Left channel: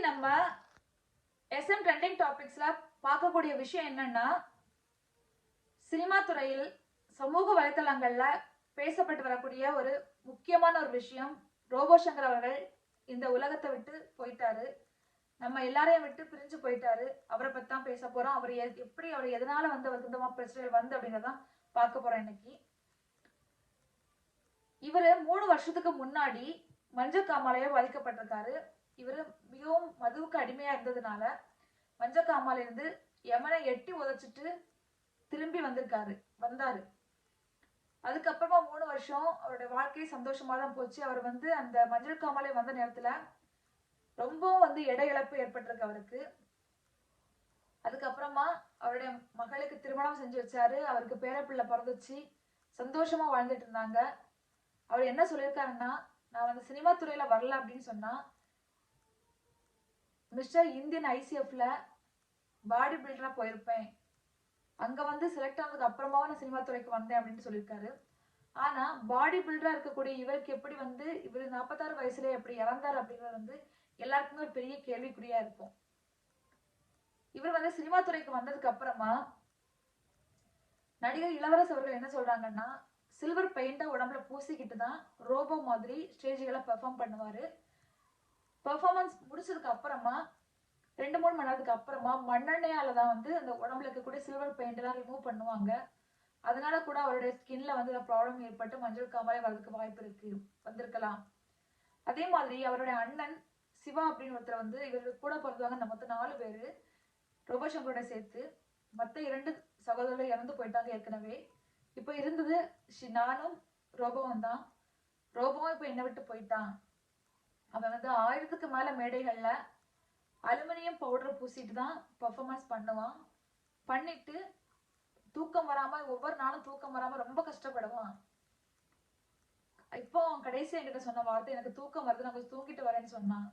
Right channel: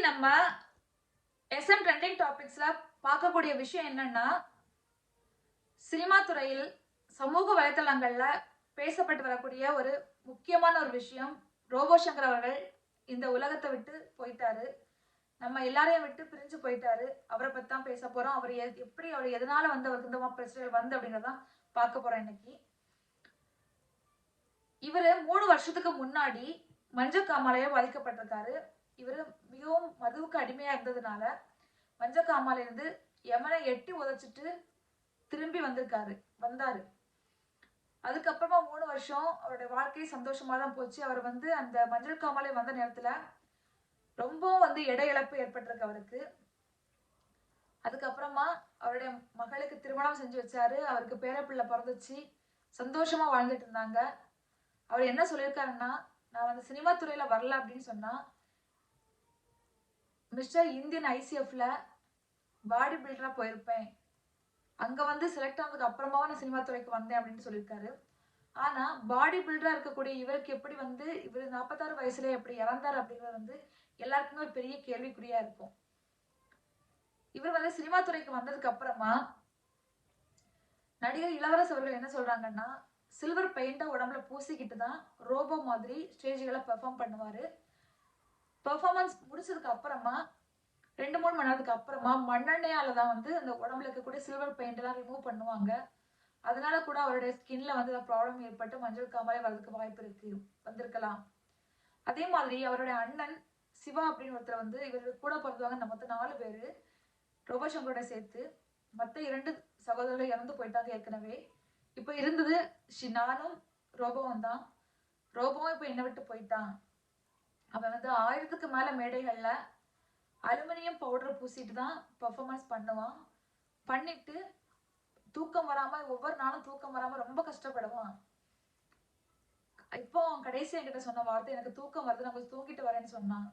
நம்ம SM trending டாபிக்ஸ்ல பார்க்கக்கூடிய விஷயம் என்னன்னா சினிமா துறையில் சமூக வலைதளங்கள்ல பேசப்பட்டு வரக்கூடிய ஒரு முக்கியமான ஒரு விஷயம் ரோபோ சங்கர் அவர்கள் இந்த உலகத்தை விட்டு போயிட்டாரு. நம்ம எல்லாரையும் விட்டு பிரிஞ்சு போயிட்டாரு. அவரை பத்தி தான் பேச போறோம். அவர் எப்படி அவர் எதனால வந்து அவருக்கு இந்த பிரச்சனை பிரச்சனைகள் வந்து அப்படிங்கறதான் பார்க்க போறோம் இன்னைக்கு. இவரு மூணு வருஷத்துக்கு முன்னாடி மஞ்சள் காமாலையா பாதிக்கப்பட்டிருக்காரு. இவர் மிகவும் மதுவுக்கு அடிமையா இருந்ததுனால மஞ்சள் இருந்து யமனை எட்டி உதைச்சிட்டு திரும்பி வந்திருக்காரு வந்தாரு. அதுக்கப்புறமா மூணு வருஷம் அவருடைய வாழ்க்கை சந்தோஷமா தான் போச்சு. அவர் வந்து அந்த மஞ்சள் காமாலை வந்த நேரத்துல ரொம்பவும் வந்து எடை இழப்பு ஏற்பட்டிருக்கு அவருக்கு. அதுக்கப்புறமா அவருடைய மகளுக்கு திருமணம் செஞ்சு வச்சாரு. அவருக்கு பேரப்பிள்ளை பிறந்துச்சு. சந்தோஷமா வாழ்ந்துட்டு இருந்தாங்க. அவர் என்ன சொல்லியிருக்காருன்னா நான் வந்து சினிமா துறையில வரல அப்படின்னு சொன்னா மிஸ்டர் இந்தியன் ஐசிஎஃப்ல பாடி பில்டராக போயிருப்பேன். அங்கே வந்து செலக்ட் ஆனதுக்கு அப்புறமா நான் சினிமா துறைக்கு வந்தேன் அப்படின்னு சொல்லியிருக்காரு. ஆனால் பாடி பில்டராக இருக்கக்கூடிய இவருக்கு எப்படி வந்து இவர் நாற்பத்தாறு வயசுல எப்படி இறந்தார் அப்படிங்கிறது வந்து எல்லாருக்குமே ஒரு பெரிய கேள்விக்குறியாக இருக்கும். இவர் வந்து சினிமா துறைக்கு வந்ததுக்கு அப்புறமா நடிகர் இளவரசு அவர்கள் என்ன சொல்றாங்கன்னா சில்வர் பெயிண்ட உடம்புல பூசிக்கிட்டு தான் ரோபோ மாதிரி ஸ்டேஜ்களை பெர்ஃபார்ம் பண்ணுவாரு. பர்ஃபார்மன்ஸ் முடிச்சதுக்கு அப்புறமா ரெண்டு மூணு மணி நேரத்துக்கு அப்புறமா மண்ணெண்ணெயால தான் வந்து அந்த உடம்புல இருக்கக்கூடிய சில்வர் பெயிண்ட் எல்லாம் ரிமூவ் பண்ணுவாங்க. அதனால கூட அவருடைய ஸ்கின்ல வந்து ப்ராப்ளம் ஏற்பட்டு மஞ்சள் காமாலே வர்றதுக்கு வாய்ப்பு இருக்கு வந்திருக்கலாம். அதே மாதிரி அவருடைய அண்ணன் சிவா அப்படின்னு ஒருத்தர் வந்து இவர் கூட பிறந்தவங்க இந்த மொத்தம் நாலு பேரு ரோபசங்கரோட சேர்த்து மற்ற இரண்டு சகோதரர்கள் இறந்து போயிட்டாங்க ஏற்கனவே. இப்போ இருந்தது ஷி- நானும் ரோபோவும் தான். ரோபோவும் இப்போ என்னை விட்டு போயிட்டான். அவன் வந்து ஆயிரத்துக்கு மேல மேடைகள்ல அலுமினியம் பவுடர் பூசிட்டு தான் பர்ஃபார்மன்ஸ் பண்ணுவான் பண்ணிட்டு தூக்கம் வராம ஒவ்வொரு நாளும் தூக்கம் வராம ரொம்ப கஷ்டப்படுவான் இப்போ அவன் கடைசி என்கிட்ட சொன்ன வார்த்தை எனக்கு தூக்கம் வருது நான் கொஞ்சம் தூங்கிட்டு வரேன்னு சொன்னான்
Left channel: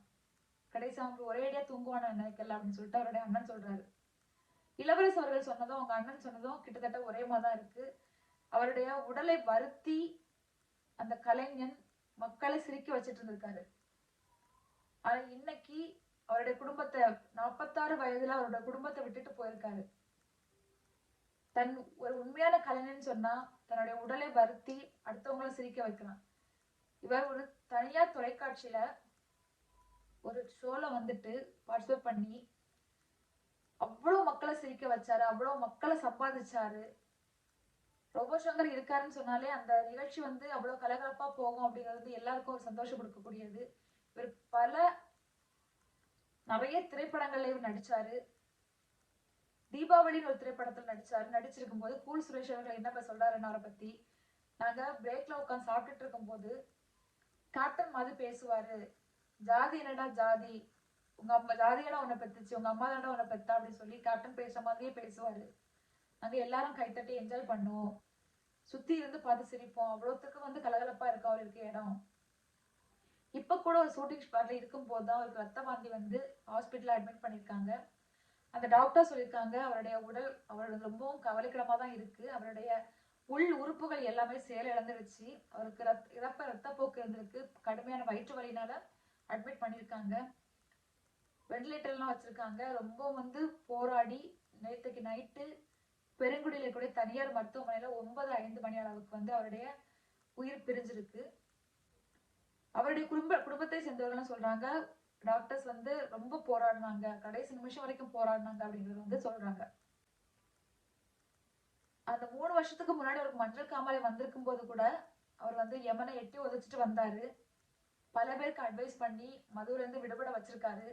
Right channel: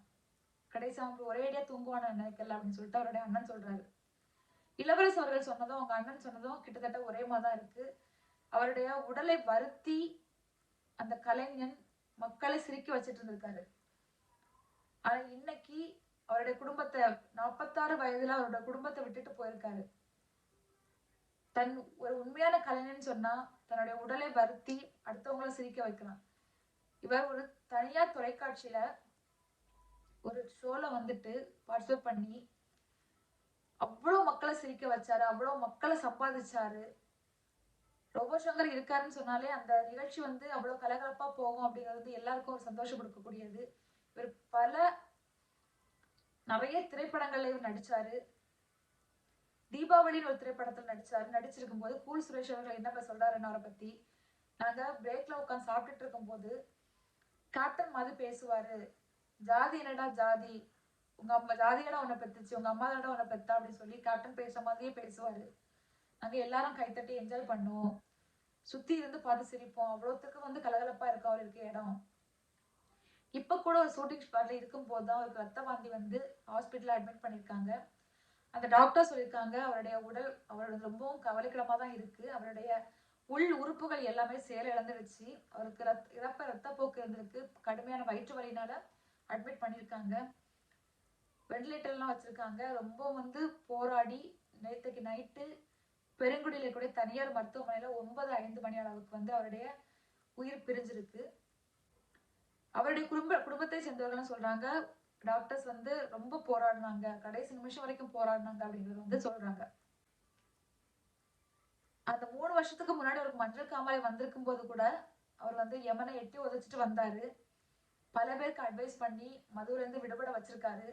கடைசி அவனுக்கு ஒரே அடியா தூங்குவான் நினைக்கல அப்படின்னு சொல்லிட்டு அவருடைய அண்ணன் சொல்றாரு. இளவரசு அவர்கள் சொன்னதும் அவங்க அண்ணன் சொன்னதும் கிட்டத்தட்ட ஒரே மாதிரி இருக்கு. அவருடைய உடலை வருத்தி அந்த கலைஞன் மக்களை சிரிக்க வச்சிட்டு இருந்திருக்காரு. ஆனா இன்னைக்கு அவருடைய குடும்பத்தை நாற்பத்தாறு வயதுல அவரோட குடும்பத்தை விட்டுட்டு போயிருக்காரு. தன் ஒரு உண்மையான கலைஞன் சொன்னா தன்னுடைய உடலை வருத்தி அடுத்தவங்களை சிரிக்க வைக்கலாம். இவர் ஒரு தனியார் தொலைக்காட்சியில ஒரு ஷோல வந்துட்டு பார்ட்டிசிபேட் பண்ணி அவ்வளவு மக்களை சிரிக்க வச்சாரு அவ்வளவு மக்களை சம்பாதிச்சாரு. ரோபோ சங்கர் இருக்காருன்னு சொன்னாலே அந்த நிகழ்ச்சி வந்து அவ்வளவு கலகலப்பா போகும் அப்படிங்கிறது வந்து எல்லாருக்கும் ஒரு சந்தோஷம் கொடுக்கக்கூடியது. இவர் பல நிறைய திரைப்படங்கள்ல இவர் நடிச்சாரு. தீபாவளின்னு ஒரு திரைப்படத்தில் நடிச்சாரு. நடிச்சிருக்கும் போது கூல் சுரேஷ் அவர்கள் என்ன சொல்றாருன்னு அவரை பத்தி? நாங்க பிரேக்ல உட்காந்து சாப்பிட்டுட்டு இருக்கும் போது கேப்டன் மாதிரி பேசுவாரு. ஜாதி என்னடா ஜாதி? உங்க அம்மா ஜாதியடா உன்னை பெத்துச்சு. உங்க அம்மா தானடா உன்னை பெத்தா அப்படின்னு சொல்லி கேப்டன் பேசுற மாதிரியே பேசுவாரு. நாங்க எல்லாரும் கைத்தட்டி என்ஜாய் பண்ணுவோம். சுத்தி இருந்து பார்த்து சிரிப்போம். அவ்வளோத்துக்கு வந்து கலகலப்பா இருக்கு அவருக்கு இடம். இப்போ கூட ஒரு ஷூட்டிங் ஸ்பாட்ல இருக்கும் போது தான் அவருக்கு ரத்த வாந்தி வந்து ஹாஸ்பிட்டலில் அட்மிட் பண்ணியிருக்காங்க. அந்த டாக்டர் சொல்லியிருக்காங்க அவருடைய உடல் அவரோட ரொம்பவும் கவலைக்கிடமாக தான் இருக்கு. அவருடைய உள் உறுப்புகள் எல்லாமே சேலை இழந்துடுச்சு அவருக்கு ரத் இறப்ப ரத்தப்போக்கு இருந்திருக்கு. கடுமையான வயிற்று வலினால அட்மிட் பண்ணியிருக்காங்க. வெண்டிலேட்டர்லாம் வச்சிருக்காங்க. ரொம்ப வந்து போராடி நேற்றுக்கு நைட்டு பெருங்குடியில் இருக்கக்கூடிய தனியார் மருத்துவமனையில் ஒன்பது ஐந்து மணி அளவுக்கு வந்து அவருடைய உயிர் பிரிஞ்சிருக்கு. அவருடைய குடும்ப குடும்பத்தை சேர்ந்தவர்கள் சொல்றாங்க. டாக்டர்ஸ் வந்து ரொம்ப போராடினாங்க. கடைசி நிமிஷம் வரைக்கும் போராடினாங்க அப்படிங்கிறது வந்து சொல்றாங்க. அந்த மூணு வருஷத்துக்கு முன்னாடி அவருக்கு மஞ்சள் காமாலை வந்திருக்கும் போது கூட அவர் வந்து யமனை எட்டி உதச்சிட்டு வந்தாரு. பல பேருக்கு அட்வைஸ் பண்ணி மதுவிலேருந்து விடுபட வச்சிருக்காரு.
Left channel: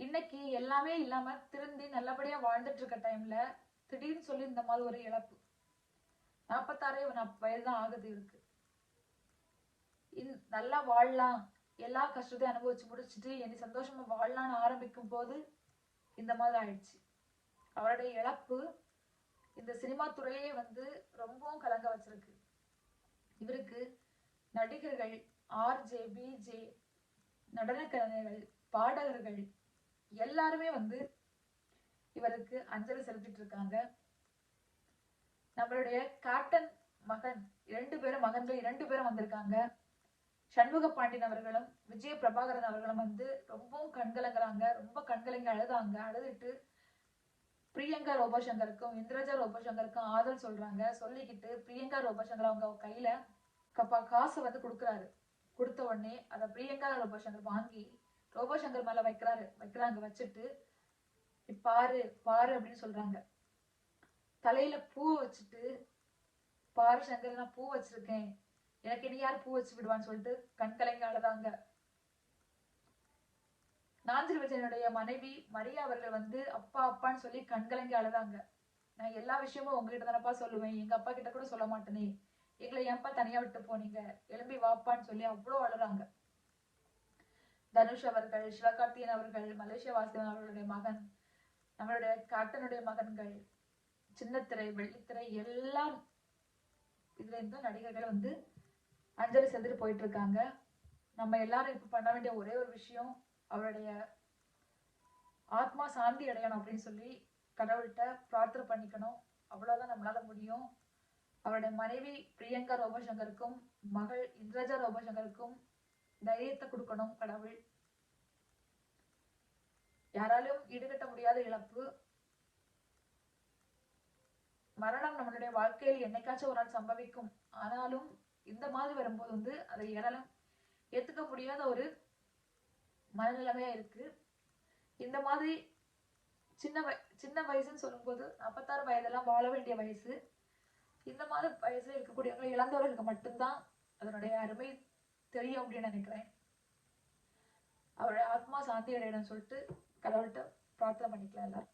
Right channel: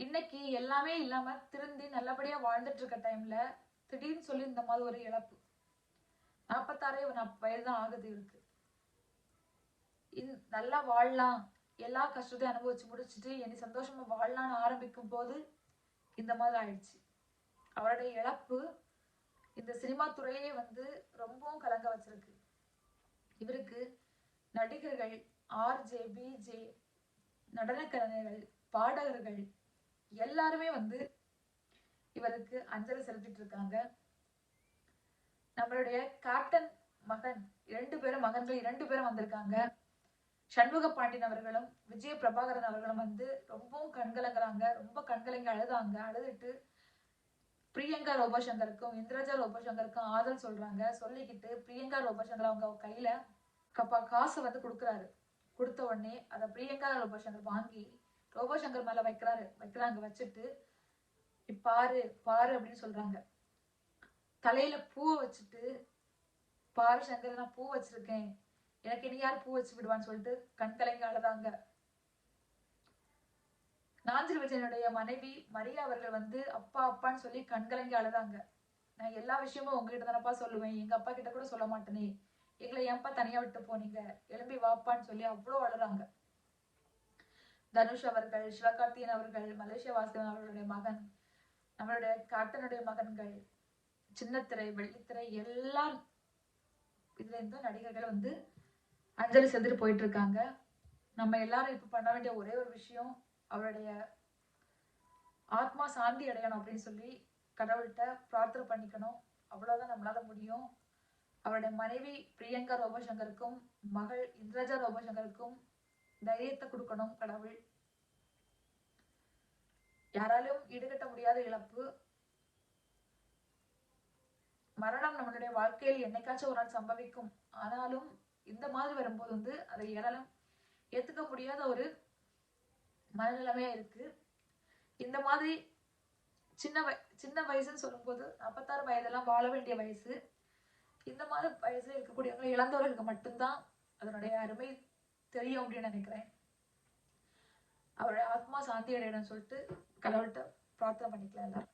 இன்னைக்கு எல்லாமே இல்லாம திருந்தி நல்லபடியா வாழ்ந்துட்டு இருக்க டைம்ல திடீர்னு சொல்லி இந்த மாதிரி ஒரு இழப்பு. நாற்பத்தாறே வயது தான் ஆகுது இருக்கு இன் நல்லா வாழலாம். எல்லா கஷ்டத்தையும் அனுபவிச்சு முடிச்சுட்டு என்னை சந்தோஷமா வாழலாம்னு ஆரம்பிக்கும் போது இந்த மாதிரி ஆயிடுச்சு. அவருடைய இழப்பு இந்த சினிமா துறையே வந்து ரொம்பவும் கலங்க வச்சிருக்கு. இவருக்கு நடிகர்கள் ஆர்ஜே பிஜே நடன கலைஞர்கள் பாடகர்கள் எல்லாருமே வந்து இவருக்கு அஞ்சலி செலுத்திட்டு இருக்காங்க. நம்மளுடைய கேப்டன் மகன் இரண்டு பேரும் மகன்கள் இரண்டு பேரும் வந்திருக்காங்க. சண்முக பாண்டியன் அவர்களும் விஜய பிரபாகரன் அவர்களும் வந்து ரொம்பவும் கண்கலங்குறாங்க. ரொம்ப கண்கலங்கி அழுதாங்க. அழுதுட்டு பிரியங்கா ரோபோசங்கருக்கும் இந்திரஜா ரோபோசங்கருக்கும் ஆதரவு சொல்றாங்க. சொல்லிக்கிட்டு பிரியங்கா ரோபோசங்கர் அவங்க கையில கப்பா காசு வந்து கொடுக்குறாரு. கொடுத்த உடனே அதை பிரியங்கா ரோபோசங்கர் வாங்கி ரோபோசங்கர் மேல வைக்கிறாரு. வைக்கிறாங்க. வச்சுட்டு பாரு பாரு அப்படின்னு சொல்றாங்க. தலையில பூவை வச்சுட்டு பாரு சங்கர் நான் பூ வச்சிருக்கேன். எனக்கு இனி யார் பூ வச்சு விடுவான்னு சொல்லிட்டு கண் கலங்கி அழுதாங்க. நாஞ்சில் விஜயனுடைய மனைவி மரியா அவர்கள் வந்து அப்பா அப்பான்னு சொல்லி கண் கலங்கி அழுதாங்க. நான் எல்லா விஷயமும் உங்ககிட்ட தானப்பா சொல்லுவேன். எங்க அப்பா கிட்ட கூட சொல்ல மாட்டேனே. எங்களை ஏன்ப்பா தனியா விட்டு போனீங்க? எழும்பி வாப்பான்னு சொல்லி அவ்வளோ அழுறாங்க. தனுஷ் அவர்கள் சிவகார்த்தியன் அவர்கள் மலேசிய வாசகன் அவர்களுடைய மகன் நம்மளுடைய கேப்டனுடைய மகன்கள் சின்னத்திரை வெள்ளித்திரை எல்லாம் இதுல இருந்து நடிகர்கள் வந்து அஞ்சலி செஞ்சுட்டு போயிட்டு இருக்காங்க நம்ம எல்லாரும் இப்போ பண்ண வேண்டிய ஒரே ஒரு விஷயம் அவருடைய ஆத்மா சாந்தி அடையணும் அப்படின்னு சொல்லி கடவுள்கிட்ட பிரார்த்தனை பண்ணிக்கணும். அவ்வளோதான் நம்மளால முடியும். அவருடைய மனைவி பிரியங்கா ரோபசங்கருக்கும் மகள் இந்திரஜா ரோபசங்கருக்கும் தைரியத்தை கொடுக்கணும் கடவுள். யாராலும் ஈடுகட்ட முடியாத இழப்பு. மரணம் நம்மளுடைய வாழ்க்கையில் என்னைக்காச்சும் ஒரு நாள் சம்பவிக்கும். ஆனாலும் இந்த மாதிரி வரும்போது வந்து அதை யாராலும் ஏத்துக்க முடியாத ஒரு மனநிலைமையா இருக்கு. இந்த மாதிரி சின்ன வய சின்ன வயசுன்னு சொல்லும்போது நாற்பத்தாறு வயதெல்லாம் வாழ வேண்டிய வயசு. இந்த மாதிரி வயசுல இருக்கக்கூடியவங்க இழந்தவர்களுக்கு மட்டும்தான் அதனுடைய அருமை தெரியும் அப்படின்னு நினைக்கிறேன். அவருடைய ஆத்மா சாந்தி அடையணும்னு சொல்லிட்டு கடவுள்கிட்ட பிரார்த்தனை பண்ணிக்கலாம் எல்லாரும்